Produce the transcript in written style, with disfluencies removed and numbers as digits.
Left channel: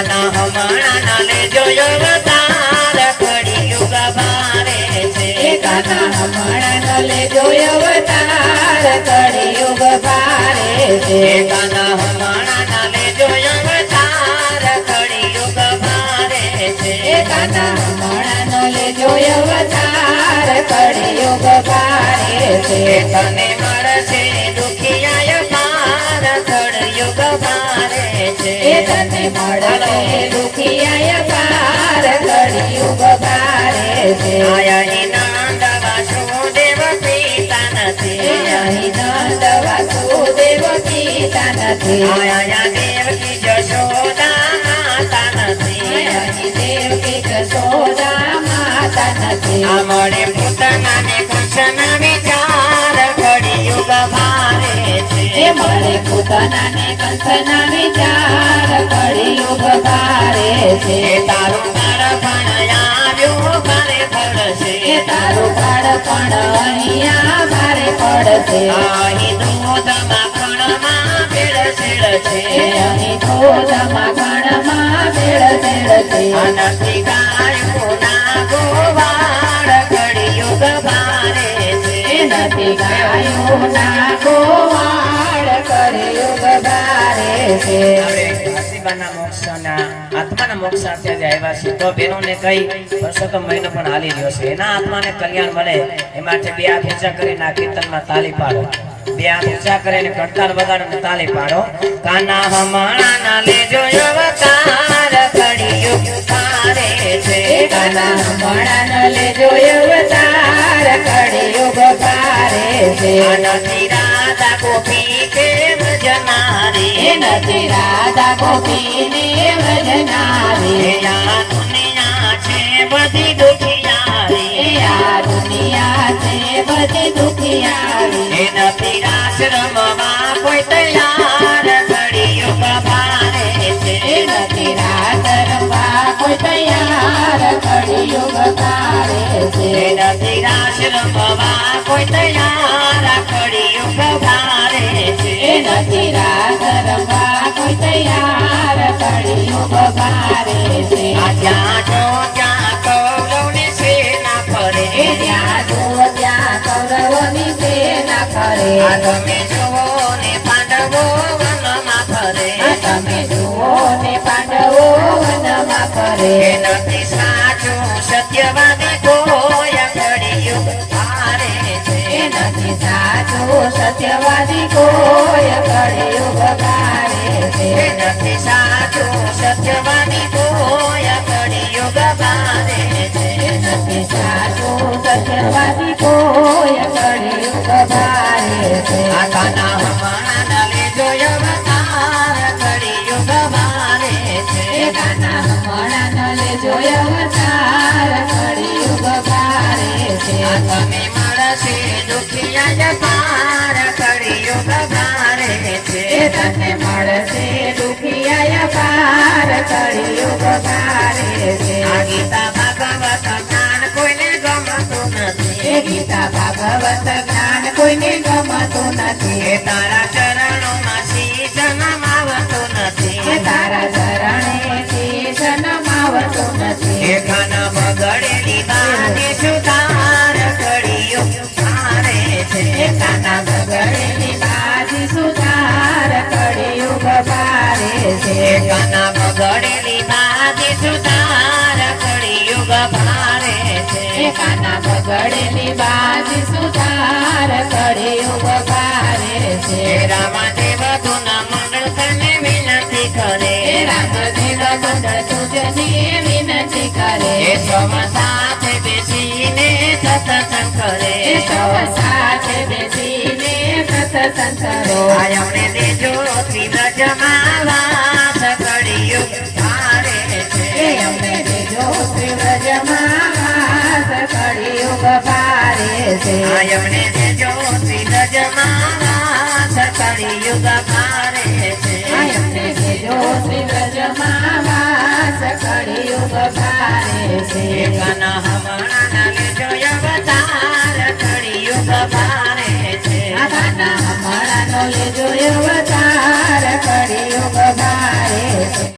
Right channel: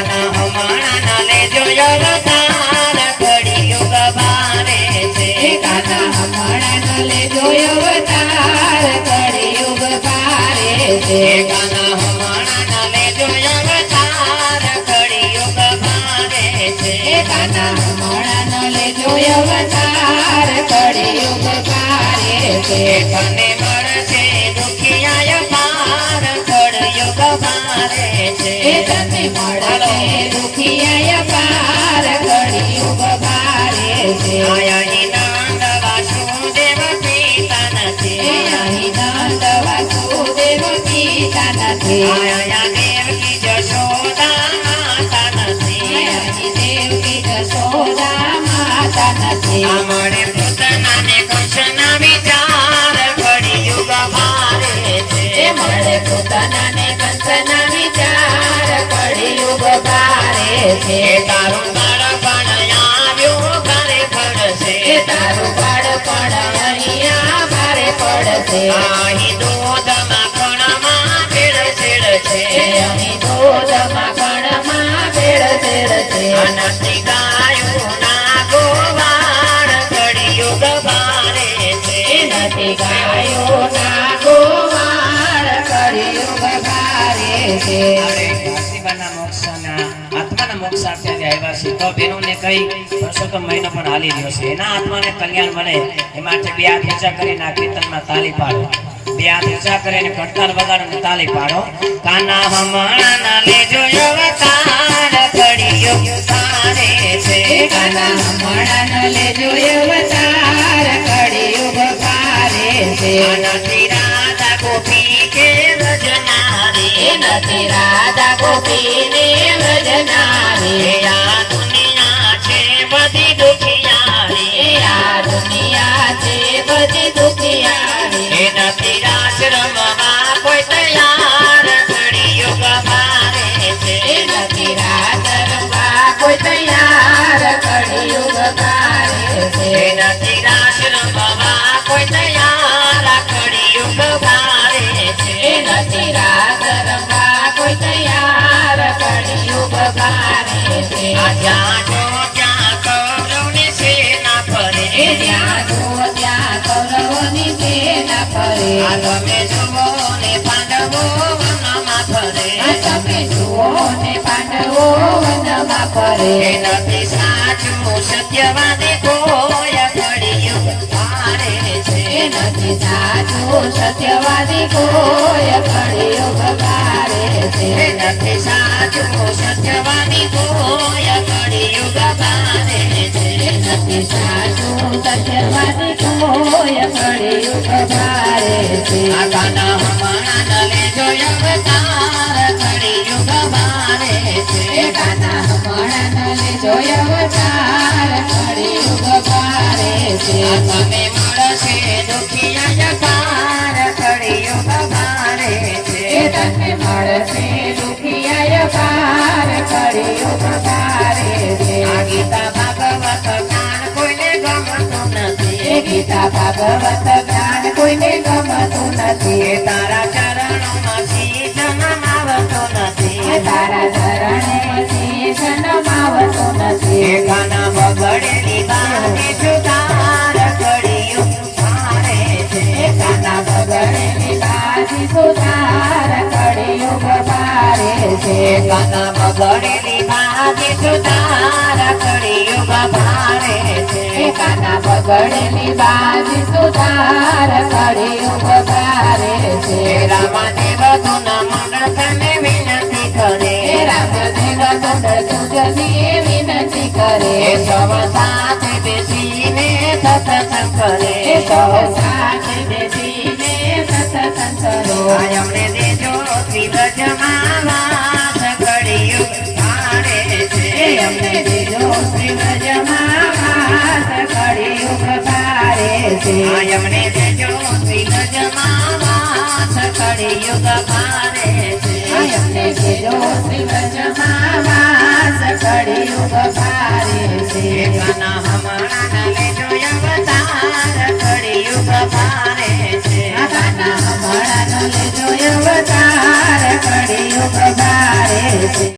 કાન હમણાં લેજો અવતાર કળિયુગ ભારે છે કાન હમણાં લેજો અવતાર કળિયુગ ભારે છે કાન હમણાં લેજો અવતાર કળિયુગ ભારે છે કાન હમણાં લેજો અવતાર કળિયુગ ભારે છે તને મળશે દુખિયા પાર કળિયુગ ભારે છે તને મળશે દુખિયા પાર કળિયુગ ભારે છે અહીં નંદ વાસુદેવ પિતા નથી અહીં નંદ વાસુદેવ પિતા નથી અહીંયા દેવકી જશોદા માતા નથી અહીં દેવકી જશોદા માતા નથી મળે પોતાનાને કૃષ્ણ વિચાર કળિયુગ ભારે છે મળે પોતાનાને કંસના વિચાર કળિયુગ ભારે છે તારું બાળપણ આવ્યું ભારે પડશે તારું બાળપણ અહીંયા ભારે પડશે અહીં દૂધ માખણમાં ભેળસેળ છે અહીં દૂધ માખણમાં ભેળસેળ છે નથી ગાયું ના ગોવાળ કળિયુગ ભારે છે નથી ગાયો ના ગોવાળ કળિયુગ ભારે છે આત્માના મોક્ષાર્થે જે આવ્યા છે તો બેનોને કઈ પરસોત્તમ મહિનો પણ હાલી રહ્યો છે એના આત્માને કલ્યાણ મળે એ માટે બે હાથ ઊંચા કરીને આ કીર્તનમાં તાલી પાડો બે હાથ ઊંચા કરીને ઘંટાર વગાડીને તાલી પાડો કાના હમણાં લેજો અવતાર કળિયુગ ભારે છે કાના હમણાં લેજો અવતાર કળિયુગ ભારે છે નથી રાધા ગોપી કે ભજનારી નથી રાધા ગોપીની ભજનારી આ દુનિયા છે બધી દુખિયારી આ દુનિયા છે બધી દુખિયારી નથી રાસ રમવા કોઈ તૈયાર કળિયુગ ભારે છે નથી રાત રમવા કોઈ તૈયાર કળિયુગ ભારે છે નથી રાસ રમવા કોઈ તૈયાર કળિયુગ ભારે છે નથી રાત રમવા કોઈ તૈયાર કળિયુગ ભારે છે જ્યાં જો ત્યાં કૌરવની સેના ફરે જ્યાં જુઓ ત્યાં કૌરવોની સેના ફરે તમે જુઓ ને પાંડવો વનમાં ફરે તમે જુઓ ને પાંડવો વનમાં ફરે નથી સાચું સત્યવાદી કોઈ કળિયુગ ભારે છે નથી સાચું સત્યવાદી કોઈ કળિયુગ ભારે છે નથી સાચું સત્યવાદી કોઈ કળિયુગ ભારે છે નથી સાચું સત્યવાદી કોઈ કળિયુગ ભારે છે કાના હમણાં લેજો અવતાર કળિયુગ ભારે છે કાના હમણાં લેજો અવતાર કળિયુગ ભારે છે તમે મળશે દુખિયા પાર કળિયુગ ભારે છે તને મળશે દુખિયા પાર કળિયુગ ભારે છે ગીતા ભાગવત જ્ઞાન કોઈને ગમતું નથી ગીતા ભાગવત જ્ઞાન કોઈને ગમતું નથી તારા ચરણોમાં શીશ નમાવતો નથી તારા ચરણે શીશ નમાવતો નથી કાના બગડેલી બાની સુધાર કળિયુગ ભારે છે કાના બગડેલી બાજી સુધાર કળિયુગ ભારે છે કાના બગડેલી બાની સુધાર કળિયુગ ભારે છે કાના બગડેલી બાજી સુધાર કળિયુગ ભારે છે રામદેવ તુના મંડળ તને વિનંતી કરે રામદેવ મંડળ તુજની વિનંતી કરે સૌ સાથે બેસીને સત્સંગ કરે સૌ સાથે બેસીને સત્સંગ કરો અમને દેજો શ્રીલજમાં વાસ કળિયુગ ભારે છે અમને દેજો શ્રીવ્રજમાં વાસ કળિયુગ ભારે છે અમને દેજો શ્રીલજમાં વાસ કળિયુગ ભારે છે અમને દેજો શ્રીવ્રજમાં વાસ કળિયુગ ભારે છે કાના હમણાં